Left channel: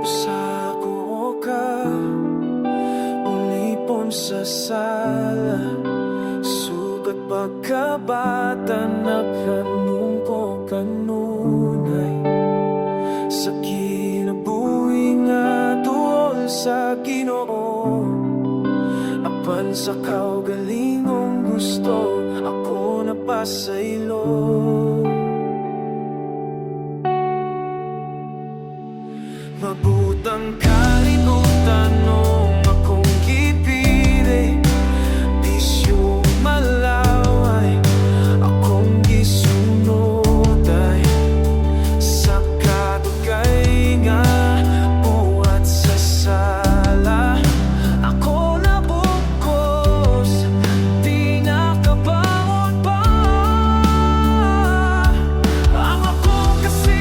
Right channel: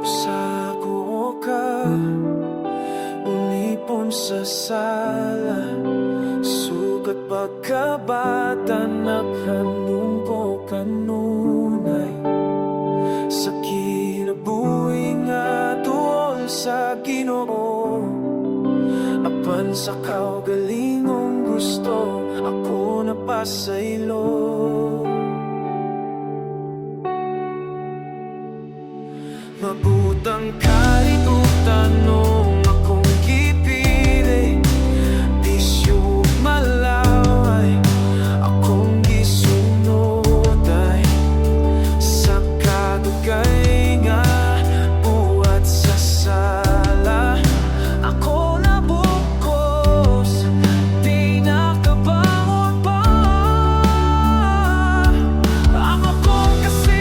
Sa buo ka, ulipon sa sala, sukat pagkabata naghanong ko kanunay. Sa kinabuhi nga tuol sa Ginoo, apan sa kaugalingong gusto, ako napasaylo. Mabutang kalibutan nung akong gipili, bisyo malaway, akong gisunod ay sa kadugay nga buhat sa sala. Ako nabukos, di nakabangon pa. Ang ako kasi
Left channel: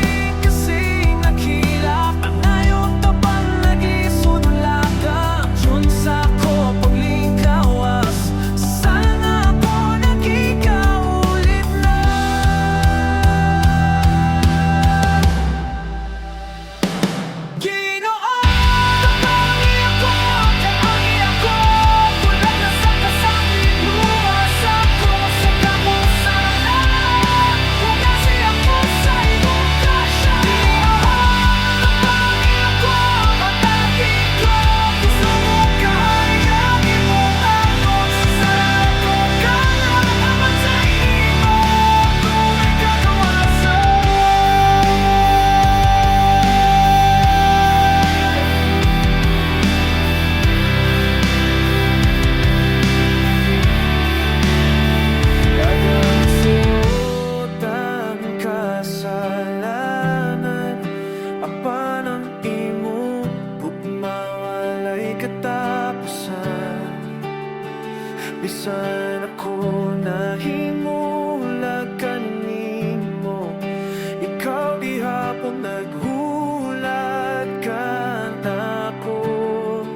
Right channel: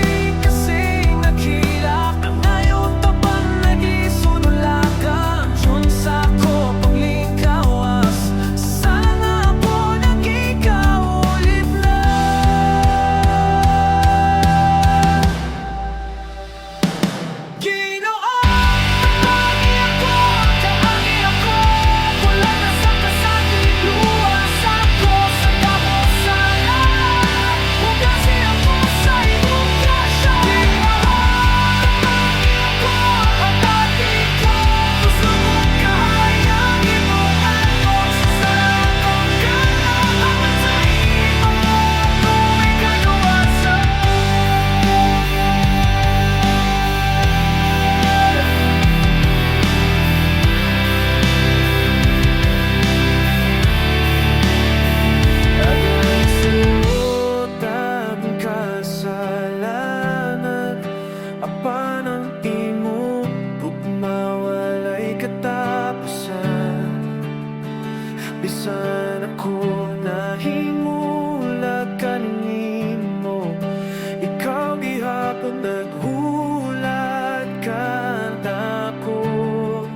nakilak, ang ngayon tabang nagisunulaga. Yun sa ko paglingkawas, sana nga po nagikaulit na. Kasalanan, apan ang imo mawalay katapusan. Bisan ako nahimulag kanimo, ikaw gihapon naghulat ka nako.